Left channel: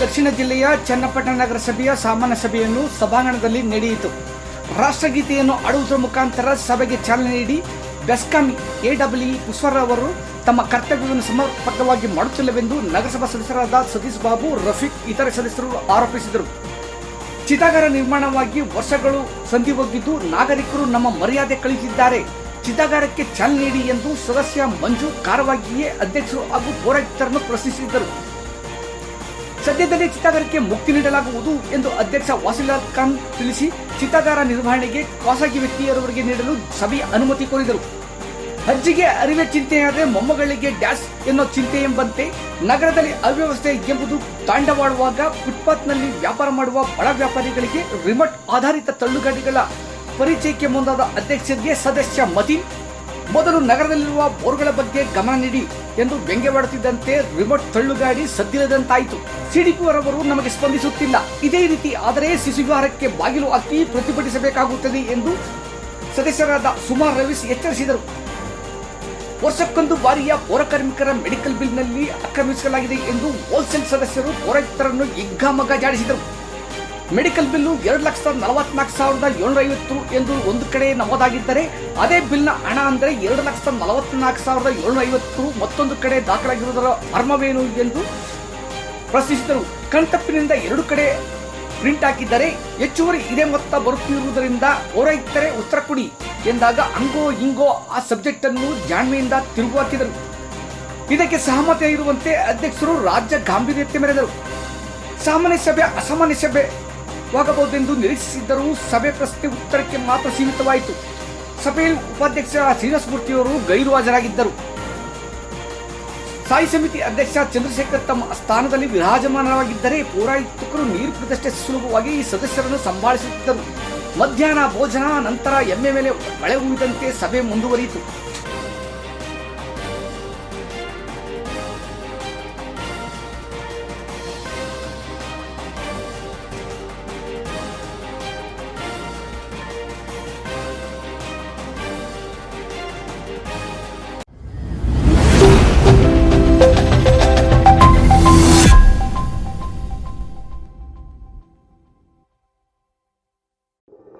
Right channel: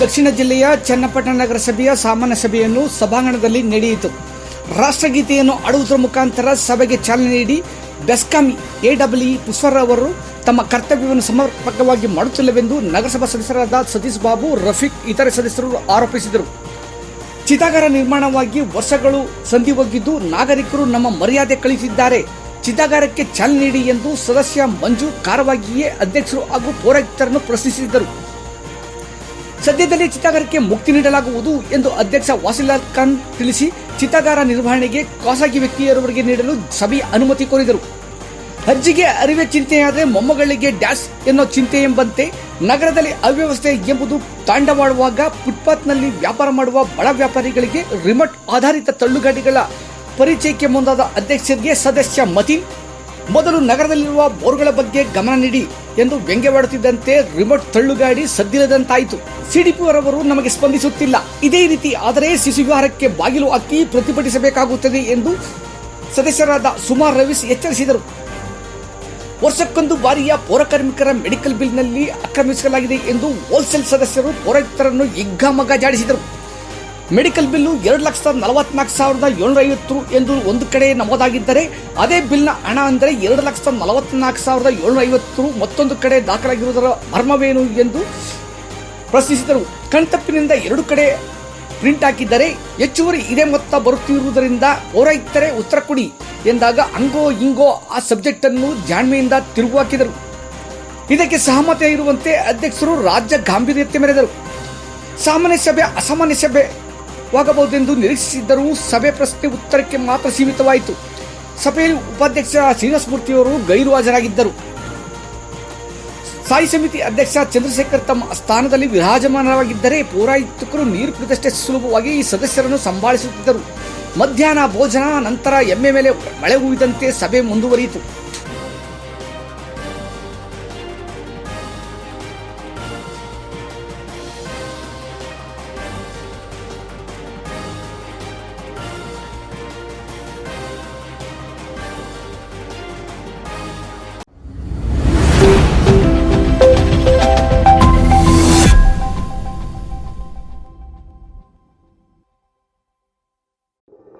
ದಕ್ಷಿಣ ಜಿಲ್ಲೆಯ ಚನ್ನಪಟ್ಟಣ ನಗರಸಭೆಯ ಸಾಮಾನ್ಯ ಸಭೆಯನ್ನು ಸಭಾಂಗಣದಲ್ಲಿ ನಡೆಯಿತು. ರಾಷ್ಟ್ರಗೀತೆಯನ್ನು ಹಾಡುವುದರ ಮುಖಾಂತರ ಸಭೆಗೆ ಚಾಲನೆ ನೀಡಿ ಬೆಸ್ಕಾಂ ಎಡಬ್ಲ್ಯೂ ಪುಷ್ಪರ್ ಅವರು ತಮ್ಮ ಕರ್ತವ್ಯವನ್ನು ಸಮರ್ಪಕವಾಗಿ ಮಾಡುತ್ತಿಲ್ಲವೆಂದು ನಗರಸಭಾ ಸದಸ್ಯರಾದ ಸತೀಶ್ ಬಾಬು, ರಫೀಕ್ ಇತರೆ ಸದಸ್ಯರು ಆರೋಪಿಸಿದರು. ಚಿತಾಗಾರ ನಿರ್ಮಾಣವಾಗಿ ವರ್ಷಗಳು ಸಂಧಿ ಹೋಗಿದ್ದು ನಾಗರಿಕರು ನಮ್ಮ ಮರ್ಯಾದೆ ಕಳಿಸಿದ್ದಾರೆ. ಚಿತಾಗಾರಕ್ಕೆ ಚಾಲನೆ ನೀಡಿ ಎಂದು ಸದಸ್ಯ ಮಂಜು ಕಾರವಾಗಿಯೇ ಅಧ್ಯಕ್ಷರು ಹಾಗೂ ಪೌರಾಯುಕ್ತರನ್ನು ಪ್ರಶ್ನಿಸಿದರು. ಸದ್ಯದಲ್ಲೇ ಚಿತಾಗಾರಕ್ಕೆ ಮುಕ್ತಿ ನೀಡಲಾಗುವುದು ಎಂದು ಅಧ್ಯಕ್ಷ ವಾಸಿಲಾಲ್ ಖಾನ್ ತಿಳಿಸಿ, ಚಿತಾಗಾರ ನಿರ್ವಹಣೆಗೆ ಖಾಸಗಿ ವ್ಯಕ್ತಿಯವರಿಗೆ ನೀಡಲು ಸಭೆಯ ಅನುಮತಿ ಕೋರಿದರು. ಅಜ್ಜಿಗೆ ಅರಿವೆ ಚಿಂತೆಯಾದರೆ ಮೊಮ್ಮಗಳಿಗೆ ಡ್ಯಾಶ್ ಎನ್ನೋ ಚಿಂತೆ ಎಂಬಂತೆ ನಗರದಲ್ಲಿ ಅವ್ಯವಸ್ಥೆ ಎಂಬುದು ತಾಂಡವಾಡುವಾಗ ಫುಟ್ಪಾತ್ನಲ್ಲಿ ವ್ಯಾಪಾರ ಮಾಡುವ ಬಡ ವ್ಯಾಪಾರಿಗಳಿಗೆ ರಿಮೋಟ್ ಆಧಾರಿತ ತಳ್ಳುಗಾಡಿಗಳ ಪರಿಚಯಕ್ಕೆ ಮುಂದಾದ ಅಧ್ಯಕ್ಷರಿಗೆ ಸದಸ್ಯ ಮತೀನ್, ಮೊದಲು ನಗರದಲ್ಲಿರುವ ಬೋರ್ಗಳ ಬಗ್ಗೆ ಗಮನ ನೀಡಿ ಎಂದು ವ್ಯಂಗ್ಯವಾಡುತ್ತಿದ್ದಂತೆ ರಿಮೋಟ್ ತಳ್ಳುಗಾಡಿ ಸದ್ದಿಲ್ಲದಂತಾಯಿತು. ಸಿಡಿಪಿಯವರವರು ನಮಗೆ ಸ್ಪಂದಿಸುತ್ತಿಲ್ಲ, ಇದೇ ರೀತಿ ಆದರೆ ಶಿಶುವಿಹಾರಕ್ಕೆ ಬಾಗಿಲು ಹಾಕಿ ಪ್ರತಿಭಟಿಸಬೇಕಾಗುತ್ತದೆ ಎಂದು ಸದಸ್ಯರಾದ ಸುಮಾರ್ ರವೀಶ್ ಎಚ್ಚರಿಸಿದರು. ವರ್ಷಕ್ಕೊಂದು ಬಾರಿಯ ಪೌರಕಾರ್ಮಿಕರ ಮೆಡಿಕಲ್ ಬಿಲ್ನಲ್ಲಿ ಆಕ್ರಮಿಸಲಾಗಿದೆ ಎಂದು ಹೋಲ್ಸೇಲ್ ಸದಸ್ಯರು ಪೌರಾಯುಕ್ತರನ್ನು ಹಿಗ್ಗಾಮಗ್ಗ ಜಾಡಿಸಿದರು. ಮೆಡಿಕಲ್ ಬಿಲ್ಲು 2,44,750 ಎಂದು ಒಂದು ಕಡೆ ನಮೂದಾಗಿದ್ದರೆ, ಅದೇ ಬಿಲ್ನ ಹಣ ಅಂದರೆ 2,44,750 ಮತ್ತೊಂದು ಕಡೆ ದಾಖಲಾಗಿರುವುದರ ಮರ್ಮವೇನು ಎಂದು ಪ್ರಶ್ನಿಸಿದರು. ಕಣ್ತಪ್ಪಿನಿಂದ ಎರಡು ಕಡೆ ಪ್ರಿಂಟ್ ಹಾಕಿದ್ದರೆ ಹೆಚ್ಚುವರಿ ಇದೇ ಮೊತ್ತ ಬರುತ್ತಿರುವುದರಿಂದ ಪೌರಾಯುಕ್ತರೇ ಉತ್ತರ ಕೊಡಿ ಎಂದಾಗ ಹಂಗೋ ಹಿಂಗೋ ಆ ಸಬ್ಜೆಕ್ಟ್ ಅನ್ನು ಜಾಣ್ಮೆಯಿಂದ ತಿರುಗು ಹಾಕಿದರು. ಇದಕ್ಕೆ ಸಹಮತ ಇರುವಂತೆ ಅಧ್ಯಕ್ಷರು ರಾಜ್ಯ ಗಾಂಭೀರ್ಯತೆ ಮೆರೆದರು. ಸಾಮಾನ್ಯ ಸಭೆ ಅಸಾಮಾನ್ಯ ಸಭೆವಾಗಬಹುದೆಂದು ನಿರೀಕ್ಷಿಸಿದ್ದರೂ ಸಭೆ ಪ್ರಶ್ನೆ ಉತ್ತರಕ್ಕೆ ಮಾತ್ರ ಸೀಮಿತವಾಯಿತು. ಸಭೆಯಲ್ಲಿ ಉಪಾಧ್ಯಕ್ಷ ಶ್ರೀನಿವಾಸ ಮೂರ್ತಿಯವರು ಗೈರು ಹಾಜರಾಗಿದ್ದರು. ಸ್ಥಾಯಿ ಸಮಿತಿ ಅಧ್ಯಕ್ಷ ಚಂದ್ರಶೇಖರ್ ತಮ್ಮ ಸ್ಥಾನದಲ್ಲಿ ವಿರಾಜಮಾನವಾಗಿದ್ದರೆ ಪೌರಾಯುಕ್ತರು ನೀರು ಕುಡಿದಷ್ಟೇ ಸುಲಭವಾಗಿ ಈ ಸದಸ್ಯರನ್ನು ಸಂಭಾಳಿಸುತ್ತಿದ್ದರು. ಮಧ್ಯಾಹ್ನ ಭೋಜನ ನಂತರ ಎಮ್ಮೆ ಮೇಲೆ ಮಳೆ ಹೂವಿದಂತೆ ಸಭೆ ಮುಂದುವರಿಯಿತು.